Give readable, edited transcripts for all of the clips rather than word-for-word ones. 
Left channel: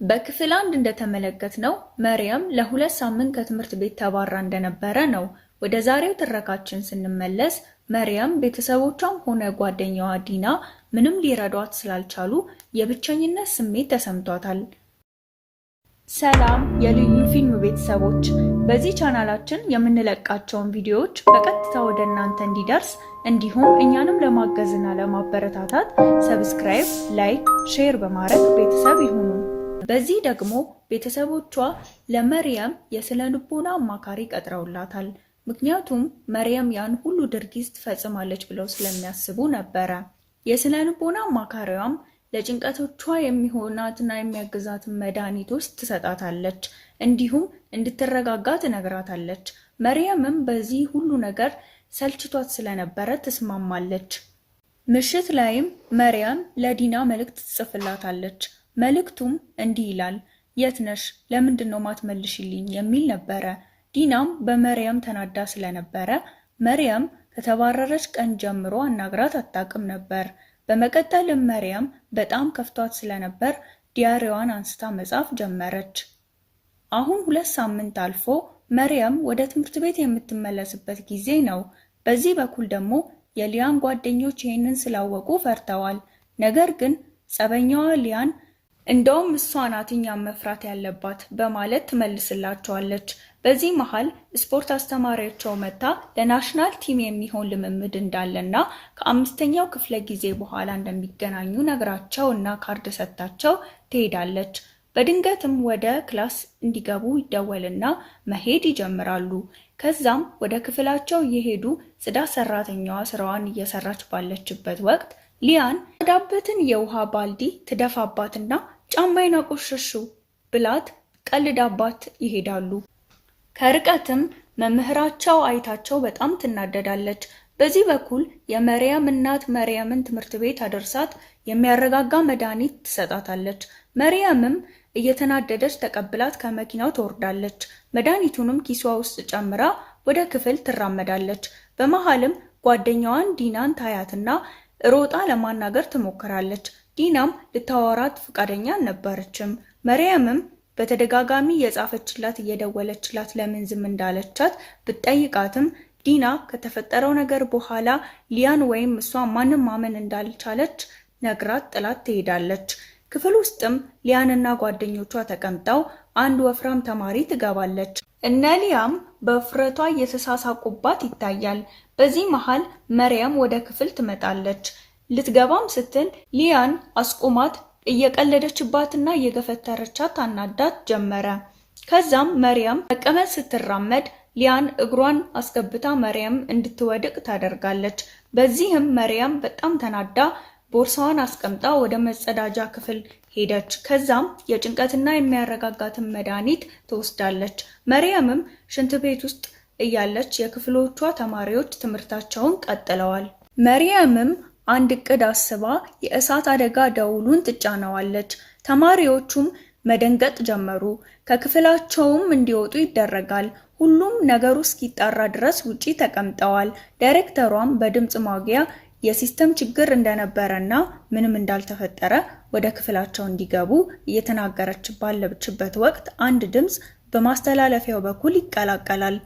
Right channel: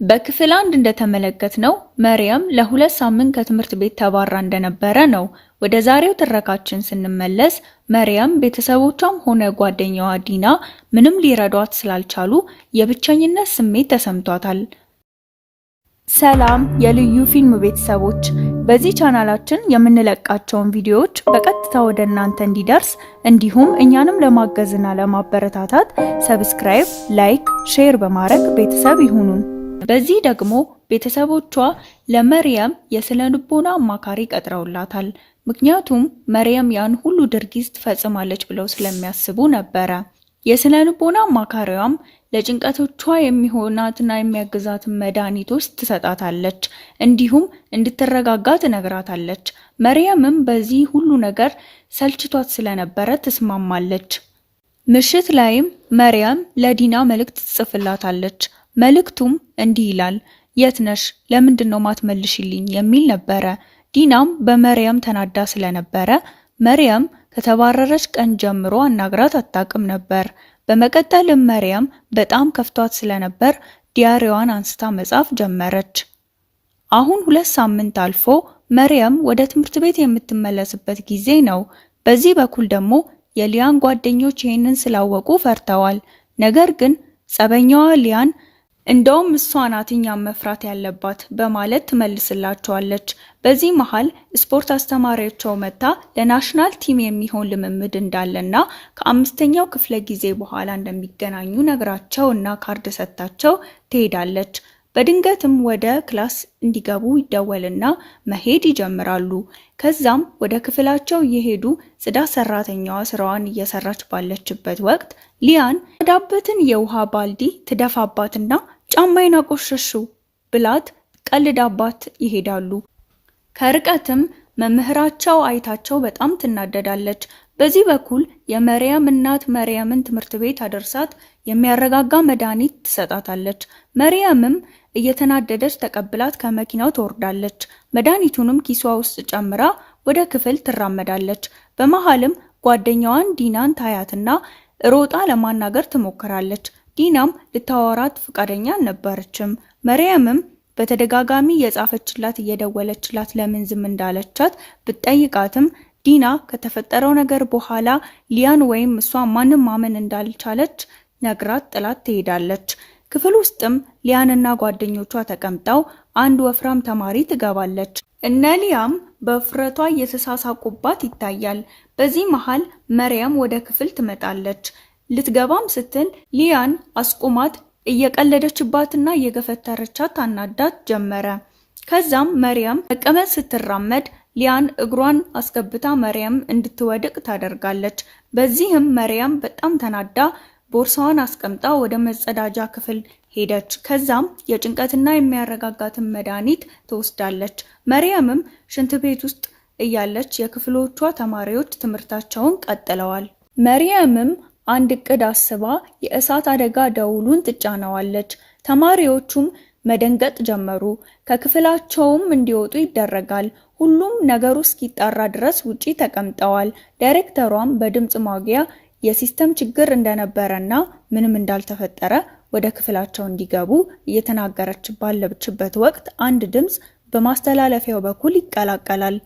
በክፍል 1 እንደተመለከትነው መርያም ለ2 ሳምንት ከትምህርት ቤት ተባራ እንደነበረ ነው። ወደ ዛሬው ትረካችን ስንመለስ መርያም ቤተሰቦቿም ሆነ ጓደኛዋ ዲና ምንም ሊረዷት ስላልቻሉ የብቸኝነት ስሜት ተሰምቷታል። ሰላም የልዩ ፊልም ቤተሰቦች፣ በዚህ ቻናላችን የምንለቃቸውን ቪዲዮዎች በቀጥታ ወደ እናንተ እንዲደርስ እንዲሁም እኛንም ለማገዝና ለማበረታታት ሰብስክራይብ፣ ላይክ፣ ሼር በማድረግ ቤተሰብ ይሁኑ። በዚህ ደግሞ ቤተሰቦቿ ለመርያም የስነ ልቦና አማካሪ ቀጥረውላታል። ምክንያቱም መርያም ያን ሁሉ ድርጊት ትፈጽማለች ብለው ስለሚያስቡ ነበረ። የስነ ልቦና አማካሪዋም ለጭንቀቶቿ የሚሆናትና የሚያግዛትን መድኃኒቶች ትሰጣታለች፣ እንዲሁም እንድትረጋጋ ትነግራታለች። መርያምም በዚህ ሁሉ ነገር ሰልችቷት ስለነበረ ትስማማለች። ምሽት ላይም መርያም ለዲና መልእክት ትጽፍላታለች። መልእክቱም እንዲህ ይላል፣ የት ነሽ? ለምንድን ነው ማትመልሽልኝ? የሚል ነበረ። ዲናም በመርያም ተናዳ ስለነበረ መርያም ከተባረረች ቀን ጀምሮ አናግራት አታውቅም ነበር። በመቀጠልም መርያም በጣም ከፍቷት ስለነበር ዲያሪዋን አንስታ መጻፍ ጀመረች። አሁን 2 ሳምንት አልፎ መርያም ወደ ትምህርት ቤት የምትመለስበት ጊዜ ነው። በዚህ በኩል ደግሞ የሊያን ጓደኞች ይህንን ስላወቁ ፈርተዋል። ነገር ግን ጸበኛዋ ሊያን እንደውም እሷ ናት እኛን መፍራት ያለባት በማለት ትመልስላቸዋለች። በዚህ መሃል ስፖርት አስተማሪያቸው መታ ለናሽናል ቲም የሚሆን ልምምድ እንዳለና ከ5ኛው ክፍለ ጊዜ በኋላ እንደሚገናኙ ነግራቸው እና ካርድ ሰጥታቸው ትሄዳለች። በድንገትም ወደ ክላስ እንዲገቡ ይደወልና መሄድ ይጀምራሉ። ከዛም ወደ ክፍላቸው እየሄዱ ጽዳት ሰራተኛዋ ስራዋን እየሰራች ባለችበት ወቅት ሊያን ዳበትን የውሃ ባልዲ ትደፋባትና ጫማዬን አቆሸሽው ብላት ቀልዳባት ይሄዳሉ። ከርቀትም መምህራቸው አይታቸው በጣም ትናደዳለች። በዚህ በኩል የመርያም እናት መርያምን ትምህርት ቤት አደርሳት የሚያረጋጋ መድኃኒት ትሰጣታለች። መርያምም እየተናደደች ተቀብላት ከመኪናው ትወርዳለች። መድኃኒቱንም ኪሷ ውስጥ ጨምራ ወደ ክፍል ትራመዳለች። በመሃልም ጓደኛዋን ዲናን ታያትና ሮጣ ለማናገር ትሞክራለች። ዲናም ልታወራት ፈቃደኛ አልነበረችም። መርያምም በተደጋጋሚ የጻፈችላት እየደወለችላት ለምን ዝም እንዳለቻት ብትጠይቃትም ዲና ከተፈጠረው ነገር በኋላ ሊያን ወይም እሷ ማንም ማመን እንዳልቻለች ነግራት ጥላት ትሄዳለች። ክፍል ውስጥም ሊያንና ጓደኞቿ ተቀምጠው አንድ ወፍራም ተማሪ ትገባለች። እነ ሊያም በፍረቷ እየተሳሳቁባት ይታያል። በዚህ መሃል መርያም ወደ ክፍል ትመጣለች። ልትገባም ስትል ሊያን አስቁማት እየቀለደችባትና እየገፈተረቻት አናዳት ጀመረ። ከዛም መርያም መቀመጥ ስትራመድ ሊያን እግሯን አስገብታ መርያም እንድትወድቅ ታደርጋለች። በዚህም መርያም በጣም ተናዳ ቦርሳዋን አስቀምጣ ወደ መጸዳጃ ክፍል ሄደች። ከዛም የጭንቀትና የሚያረጋጋትን መድኃኒት ትወስዳለች። መርያምም ሽንት ቤት ውስጥ እያለች የክፍሎቿ ተማሪዎች ትምህርታቸውን ቀጥለዋል። መርያምም አንድ እቅድ አስባ የእሳት አደጋ ደውሉን ትጫነዋለች። ተማሪዎቹም መደንገጥ ጀመሩ። ከክፍላቸውም እንዲወጡ ይደረጋል። ሁሉም ነገሩ እስኪጣራ ድረስ ውጪ ተቀምጠዋል። ዳይሬክተሯም በድምጽ ማጉያ የሲስተም ችግር እንደነበረና ምንም እንዳልተፈጠረ ወደ ክፍላቸው እንዲገቡ እየተናገረች ባለችበት ወቅት አንድ ድምጽ በማስተላለፊያው በኩል ይቀላቀላል።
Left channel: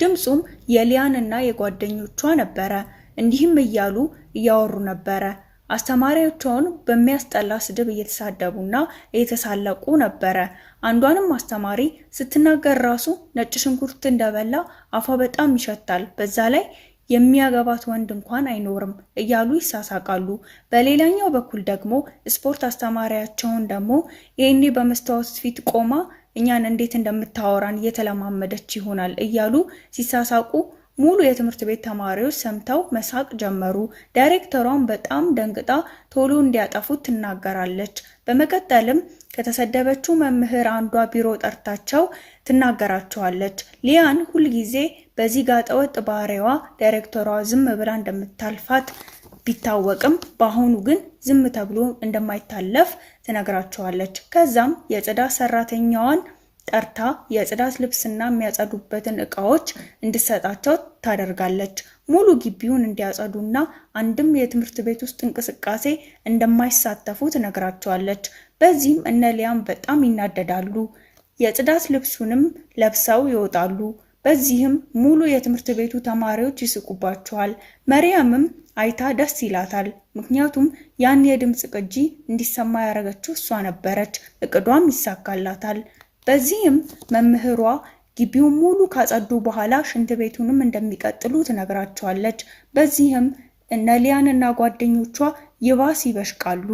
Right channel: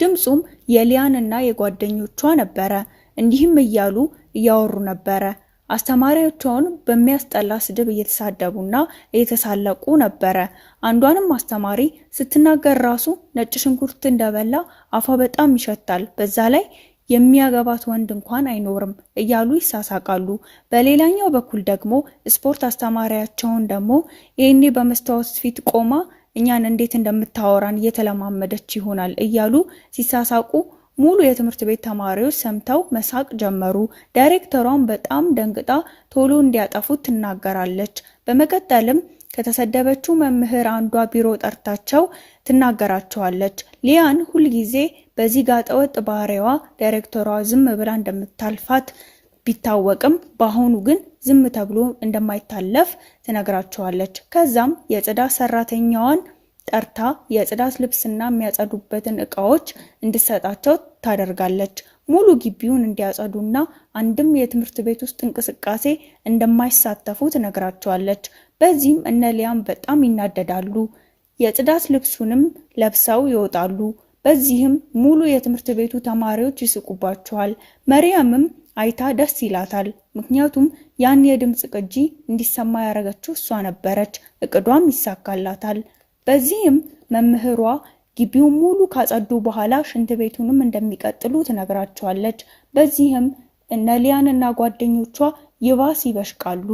ድምጹም የሊያንና የጓደኞቿ ነበረ። እንዲህም እያሉ እያወሩ ነበረ። አስተማሪያቸውን በሚያስጠላ ስድብ እየተሳደቡና እየተሳለቁ ነበረ። አንዷንም አስተማሪ ስትናገር ራሱ ነጭ ሽንኩርት እንደበላ አፏ በጣም ይሸታል፣ በዛ ላይ የሚያገባት ወንድ እንኳን አይኖርም እያሉ ይሳሳቃሉ። በሌላኛው በኩል ደግሞ ስፖርት አስተማሪያቸውን ደግሞ ይሄኔ በመስታወት ፊት ቆማ እኛን እንዴት እንደምታወራን እየተለማመደች ይሆናል እያሉ ሲሳሳቁ ሙሉ የትምህርት ቤት ተማሪዎች ሰምተው መሳቅ ጀመሩ። ዳይሬክተሯን በጣም ደንግጣ ቶሎ እንዲያጠፉት ትናገራለች። በመቀጠልም ከተሰደበችው መምህር አንዷ ቢሮ ጠርታቸው ትናገራቸዋለች። ሊያን ሁልጊዜ በዚህ ጋጠወጥ ባህሪዋ ዳይሬክተሯ ዝም ብላ እንደምታልፋት ቢታወቅም በአሁኑ ግን ዝም ተብሎ እንደማይታለፍ ትነግራቸዋለች። ከዛም የጽዳት ሰራተኛዋን ጠርታ የጽዳት ልብስና የሚያጸዱበትን እቃዎች እንድትሰጣቸው ታደርጋለች። ሙሉ ግቢውን እንዲያጸዱና አንድም የትምህርት ቤት ውስጥ እንቅስቃሴ እንደማይሳተፉ ትነግራቸዋለች። በዚህም እነ ሊያም በጣም ይናደዳሉ። የጽዳት ልብሱንም ለብሰው ይወጣሉ። በዚህም ሙሉ የትምህርት ቤቱ ተማሪዎች ይስቁባቸዋል። መርያምም አይታ ደስ ይላታል። ምክንያቱም ያን የድምፅ ቅጂ እንዲሰማ ያደረገችው እሷ ነበረች። እቅዷም ይሳካላታል። በዚህም መምህሯ ግቢውን ሙሉ ካጸዱ በኋላ ሽንት ቤቱንም እንደሚቀጥሉ ትነግራቸዋለች። በዚህም እነ ሊያን እና ጓደኞቿ ይባስ ይበሽቃሉ።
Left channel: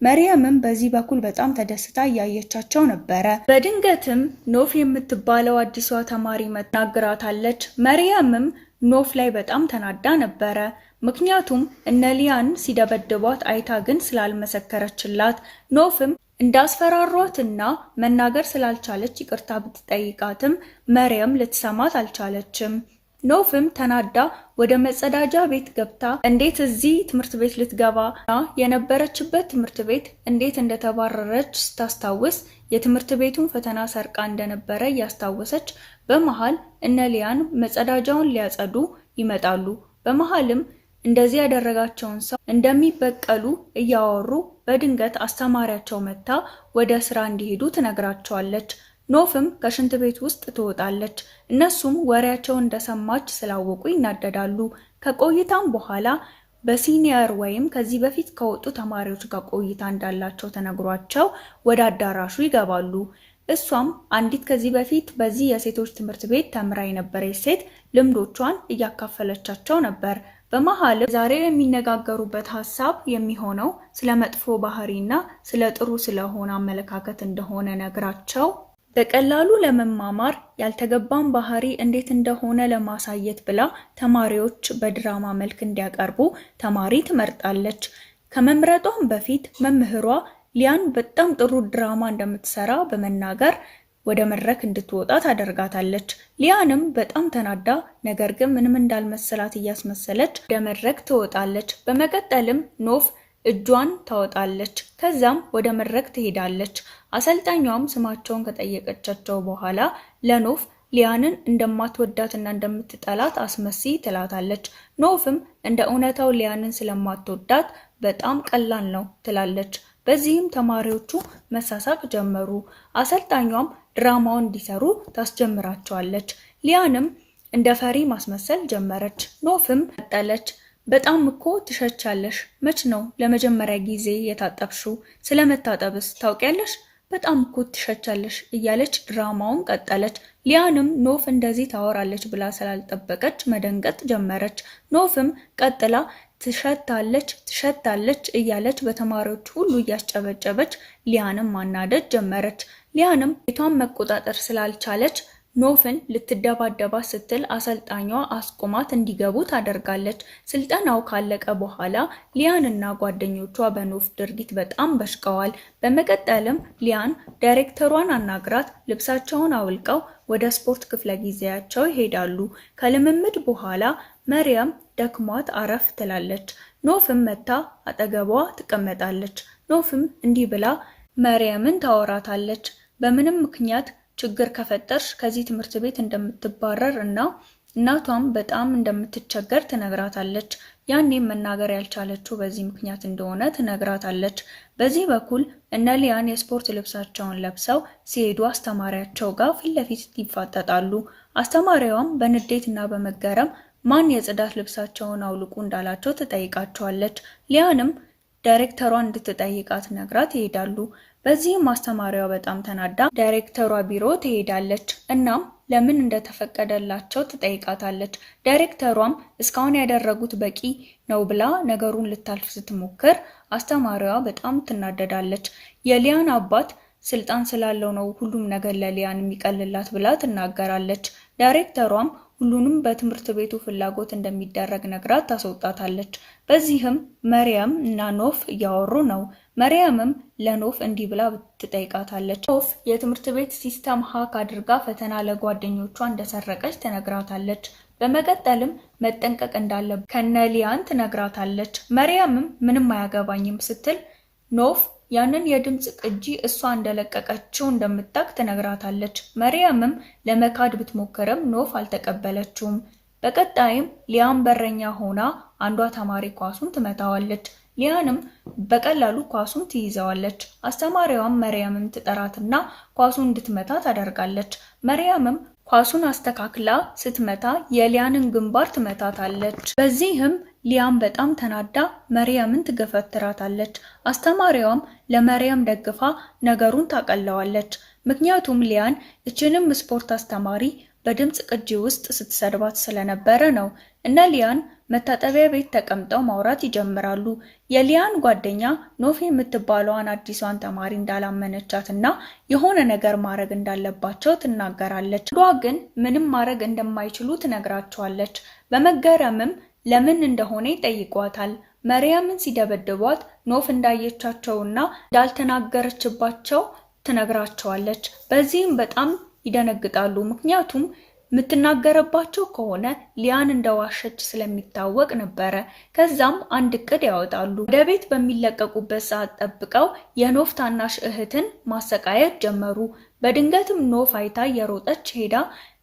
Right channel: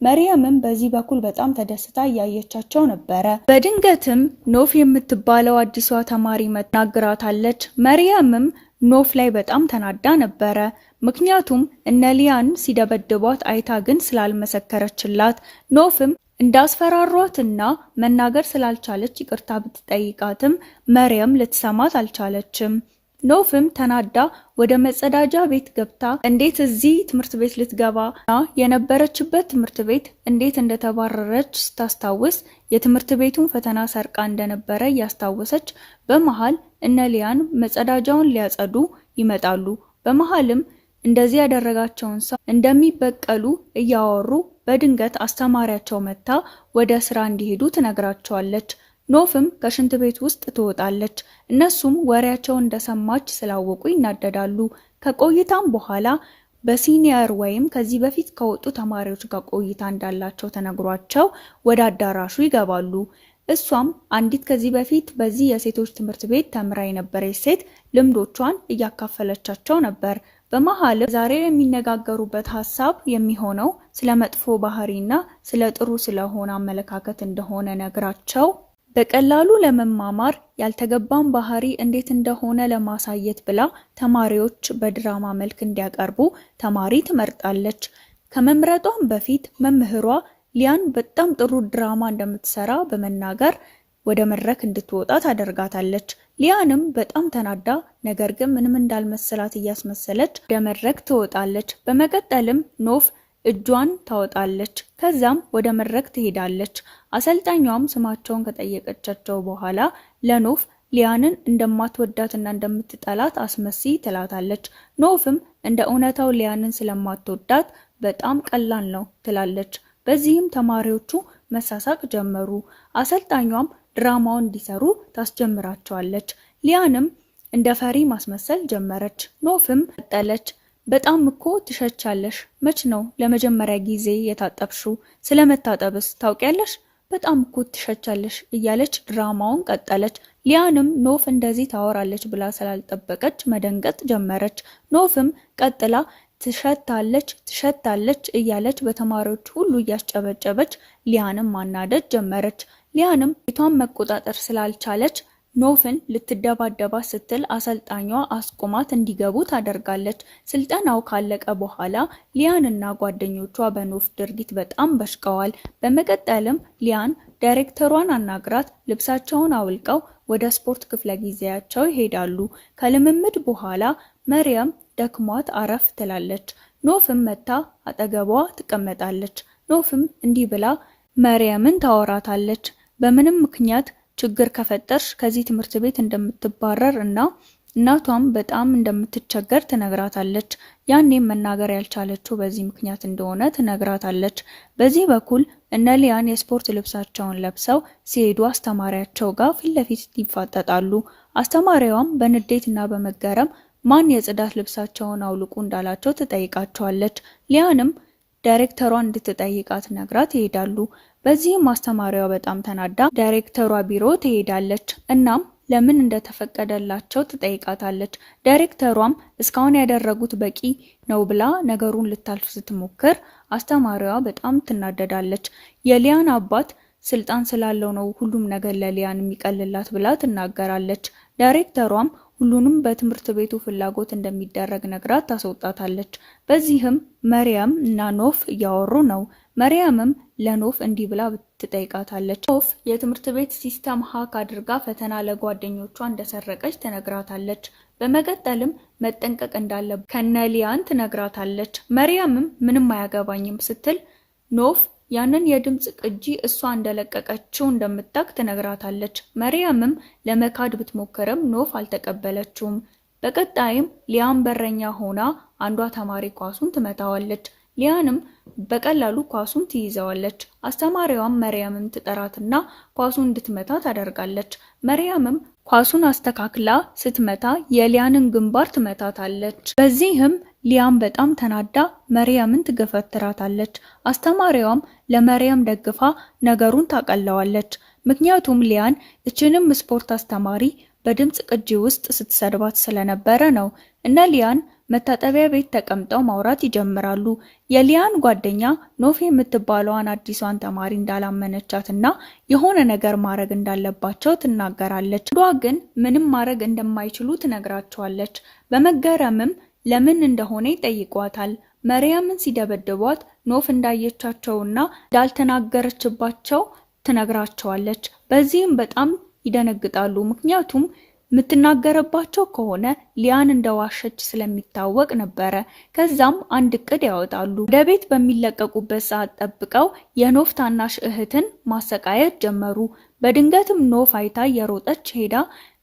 መርያምም በዚህ በኩል በጣም ተደስታ እያየቻቸው ነበረ። በድንገትም ኖፍ የምትባለው አዲሷ ተማሪ መናገራታለች። መርያምም ኖፍ ላይ በጣም ተናዳ ነበረ። ምክንያቱም እነ ሊያን ሲደበድቧት አይታ ግን ስላልመሰከረችላት። ኖፍም እንዳስፈራሯትና መናገር ስላልቻለች ይቅርታ ብትጠይቃትም መርያም ልትሰማት አልቻለችም። ኖፍም ተናዳ ወደ መጸዳጃ ቤት ገብታ እንዴት እዚህ ትምህርት ቤት ልትገባና የነበረችበት ትምህርት ቤት እንዴት እንደተባረረች ስታስታውስ የትምህርት ቤቱን ፈተና ሰርቃ እንደነበረ እያስታወሰች በመሃል እነ ሊያን መጸዳጃውን ሊያጸዱ ይመጣሉ። በመሃልም እንደዚህ ያደረጋቸውን ሰው እንደሚበቀሉ እያወሩ በድንገት አስተማሪያቸው መታ ወደ ስራ እንዲሄዱ ትነግራቸዋለች። ኖፍም ከሽንት ቤት ውስጥ ትወጣለች። እነሱም ወሬያቸውን እንደሰማች ስላወቁ ይናደዳሉ። ከቆይታም በኋላ በሲኒየር ወይም ከዚህ በፊት ከወጡ ተማሪዎች ጋር ቆይታ እንዳላቸው ተነግሯቸው ወደ አዳራሹ ይገባሉ። እሷም አንዲት ከዚህ በፊት በዚህ የሴቶች ትምህርት ቤት ተምራ የነበረች ሴት ልምዶቿን እያካፈለቻቸው ነበር። በመሃል ዛሬ የሚነጋገሩበት ሀሳብ የሚሆነው ስለ መጥፎ ባህሪና ስለ ጥሩ ስለሆነ አመለካከት እንደሆነ ነግራቸው በቀላሉ ለመማማር ያልተገባን ባህሪ እንዴት እንደሆነ ለማሳየት ብላ ተማሪዎች በድራማ መልክ እንዲያቀርቡ ተማሪ ትመርጣለች። ከመምረጧም በፊት መምህሯ ሊያን በጣም ጥሩ ድራማ እንደምትሰራ በመናገር ወደ መድረክ እንድትወጣ ታደርጋታለች። ሊያንም በጣም ተናዳ ነገር ግን ምንም እንዳልመሰላት እያስመሰለች ወደ መድረክ ትወጣለች። በመቀጠልም ኖፍ እጇን ታወጣለች። ከዛም ወደ መድረክ ትሄዳለች። አሰልጣኟም ስማቸውን ከጠየቀቻቸው በኋላ ለኖፍ ሊያንን እንደማትወዳትና እንደምትጠላት አስመሲ ትላታለች። ኖፍም እንደ እውነታው ሊያንን ስለማትወዳት በጣም ቀላል ነው ትላለች። በዚህም ተማሪዎቹ መሳሳቅ ጀመሩ። አሰልጣኟም ድራማውን እንዲሰሩ ታስጀምራቸዋለች። ሊያንም እንደ ፈሪ ማስመሰል ጀመረች። ኖፍም ቀጠለች። በጣም እኮ ትሸቻለሽ። መች ነው ለመጀመሪያ ጊዜ የታጠብሽው? ስለመታጠብስ ታውቂያለሽ? በጣም እኮ ትሸቻለሽ እያለች ድራማውን ቀጠለች። ሊያንም ኖፍ እንደዚህ ታወራለች ብላ ስላልጠበቀች መደንገጥ ጀመረች። ኖፍም ቀጥላ ትሸታለች እያለች በተማሪዎች ሁሉ እያስጨበጨበች ሊያንም ማናደድ ጀመረች። ሊያንም ቤቷን መቆጣጠር ስላልቻለች ኖፍን ልትደባደባ ስትል አሰልጣኟ አስቆማት እንዲገቡ ታደርጋለች። ስልጠናው ካለቀ በኋላ ሊያንና ጓደኞቿ በኖፍ ድርጊት በጣም በሽቀዋል። በመቀጠልም ሊያን ዳይሬክተሯን አናግራት ልብሳቸውን አውልቀው ወደ ስፖርት ክፍለ ጊዜያቸው ይሄዳሉ። ከልምምድ በኋላ መርያም ደክሟት አረፍ ትላለች። ኖፍም መታ አጠገቧ ትቀመጣለች። ኖፍም እንዲህ ብላ መርያምን ታወራታለች። በምንም ምክንያት ችግር ከፈጠርሽ ከዚህ ትምህርት ቤት እንደምትባረር እና እናቷም በጣም እንደምትቸገር ትነግራታለች። ያኔም መናገር ያልቻለችው በዚህ ምክንያት እንደሆነ ትነግራታለች። በዚህ በኩል እነ ሊያን የስፖርት ልብሳቸውን ለብሰው ሲሄዱ አስተማሪያቸው ጋር ፊት ለፊት ይፋጠጣሉ። አስተማሪዋም በንዴት እና በመገረም ማን የጽዳት ልብሳቸውን አውልቁ እንዳላቸው ትጠይቃቸዋለች። ሊያንም ዳይሬክተሯን እንድትጠይቃት ነግራት ይሄዳሉ። በዚህም አስተማሪዋ በጣም ተናዳ ዳይሬክተሯ ቢሮ ትሄዳለች። እናም ለምን እንደተፈቀደላቸው ትጠይቃታለች። ዳይሬክተሯም እስካሁን ያደረጉት በቂ ነው ብላ ነገሩን ልታልፍ ስትሞክር አስተማሪዋ በጣም ትናደዳለች። የሊያን አባት ስልጣን ስላለው ነው ሁሉም ነገር ለሊያን የሚቀልላት ብላ ትናገራለች። ዳይሬክተሯም ሁሉንም በትምህርት ቤቱ ፍላጎት እንደሚደረግ ነግራት ታስወጣታለች። በዚህም መርያም እና ኖፍ እያወሩ ነው። መርያምም ለኖፍ እንዲህ ብላ ትጠይቃታለች። ኖፍ የትምህርት ቤት ሲስተም ሀክ አድርጋ ፈተና ለጓደኞቿ እንደሰረቀች ትነግራታለች። በመቀጠልም መጠንቀቅ እንዳለባት ከነሊያን ትነግራታለች። መርያምም ምንም አያገባኝም ስትል ኖፍ ያንን የድምጽ ቅጂ እሷ እንደለቀቀችው እንደምታውቅ ትነግራታለች። መርያምም ለመካድ ብትሞክርም ኖፍ አልተቀበለችውም። በቀጣይም ሊያን በረኛ ሆና አንዷ ተማሪ ኳሱን ትመታዋለች። ሊያንም በቀላሉ ኳሱን ትይዘዋለች። አስተማሪዋም መርያምን ትጠራትና ኳሱን እንድትመታ ታደርጋለች። መርያምም ኳሱን አስተካክላ ስትመታ የሊያንን ግንባር ትመታታለች። በዚህም ሊያም በጣም ተናዳ መርያምን ትገፈትራታለች። አስተማሪዋም ለመርያም ደግፋ ነገሩን ታቀለዋለች። ምክንያቱም ሊያን እችንም ስፖርት አስተማሪ በድምጽ ቅጂ ውስጥ ስትሰድባት ስለነበረ ነው። እነ ሊያን መታጠቢያ ቤት ተቀምጠው ማውራት ይጀምራሉ። የሊያን ጓደኛ ኖፍ የምትባለዋን አዲሷን ተማሪ እንዳላመነቻትና የሆነ ነገር ማድረግ እንዳለባቸው ትናገራለች። ዷ ግን ምንም ማድረግ እንደማይችሉ ትነግራቸዋለች። በመገረምም ለምን እንደሆነ ይጠይቋታል። መርያምን ሲደበድቧት ኖፍ እንዳየቻቸውና እንዳልተናገረችባቸው ትነግራቸዋለች። በዚህም በጣም ይደነግጣሉ። ምክንያቱም የምትናገረባቸው ከሆነ ሊያን እንደዋሸች ስለሚታወቅ ነበረ። ከዛም አንድ እቅድ ያወጣሉ። ወደ ቤት በሚለቀቁበት ሰዓት ጠብቀው የኖፍ ታናሽ እህትን ማሰቃየት ጀመሩ። በድንገትም ኖፍ አይታ የሮጠች ሄዳ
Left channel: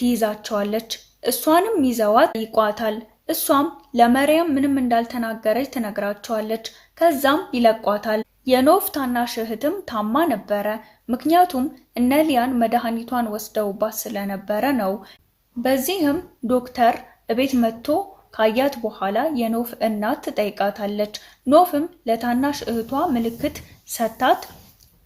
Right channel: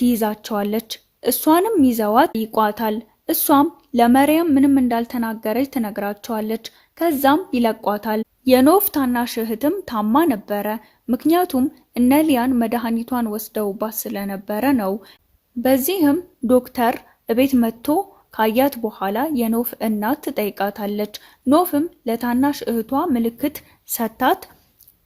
ትይዛቸዋለች። እሷንም ይዘዋት ይቋታል። እሷም ለመርያም ምንም እንዳልተናገረች ትነግራቸዋለች። ከዛም ይለቋታል። የኖፍ ታናሽ እህትም ታማ ነበረ። ምክንያቱም እነ ሊያን መድኃኒቷን ወስደውባት ስለነበረ ነው። በዚህም ዶክተር እቤት መጥቶ ካያት በኋላ የኖፍ እናት ትጠይቃታለች። ኖፍም ለታናሽ እህቷ ምልክት ሰታት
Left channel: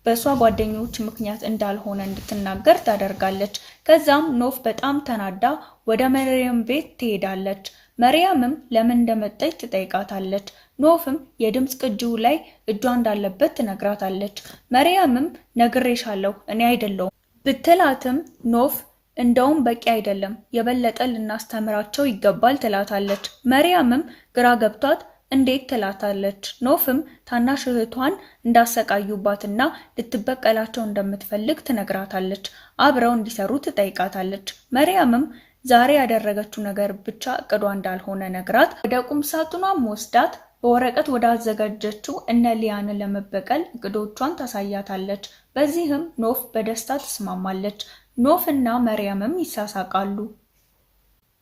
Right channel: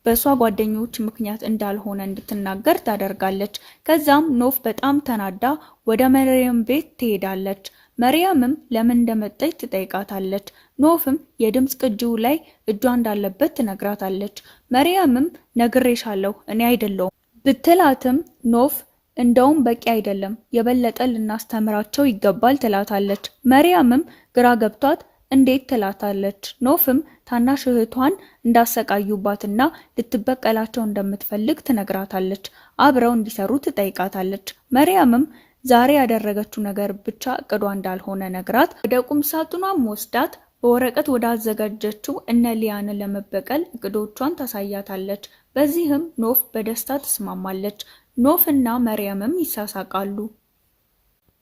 በሷ ጓደኞች ምክንያት እንዳልሆነ እንድትናገር ታደርጋለች። ከዛም ኖፍ በጣም ተናዳ ወደ መርያም ቤት ትሄዳለች። መርያምም ለምን እንደመጣች ትጠይቃታለች። ኖፍም የድምጽ ቅጂው ላይ እጇ እንዳለበት ትነግራታለች። መርያምም ነግሬሻለሁ እኔ አይደለሁም ብትላትም ኖፍ እንደውም በቂ አይደለም፣ የበለጠ ልናስተምራቸው ይገባል ትላታለች። መርያምም ግራ ገብቷት እንዴት ትላታለች። ኖፍም ታናሽ እህቷን እንዳሰቃዩባትና ልትበቀላቸው እንደምትፈልግ ትነግራታለች። አብረው እንዲሰሩ ትጠይቃታለች። መርያምም ዛሬ ያደረገችው ነገር ብቻ እቅዷ እንዳልሆነ ነግራት ወደ ቁም ሳጥኗም ወስዳት በወረቀት ወዳዘጋጀችው እነ ሊያንን ለመበቀል እቅዶቿን ታሳያታለች። በዚህም ኖፍ በደስታ ትስማማለች። ኖፍ እና መርያምም ይሳሳቃሉ።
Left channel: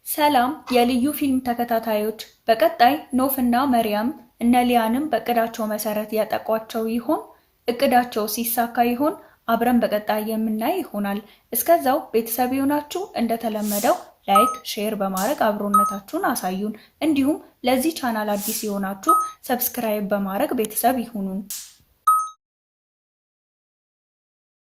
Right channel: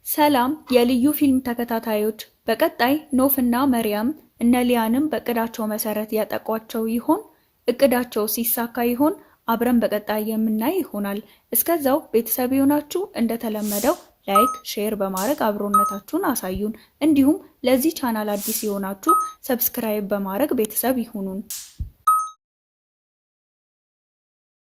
ሰላም የልዩ ፊልም ተከታታዮች፣ በቀጣይ ኖፍ እና መርያም እነ ሊያንም በእቅዳቸው መሰረት ያጠቋቸው ይሆን? እቅዳቸው ሲሳካ ይሆን? አብረን በቀጣይ የምናይ ይሆናል። እስከዛው ቤተሰብ የሆናችሁ እንደተለመደው ላይክ፣ ሼር በማድረግ አብሮነታችሁን አሳዩን። እንዲሁም ለዚህ ቻናል አዲስ የሆናችሁ ሰብስክራይብ በማድረግ ቤተሰብ ይሁኑን።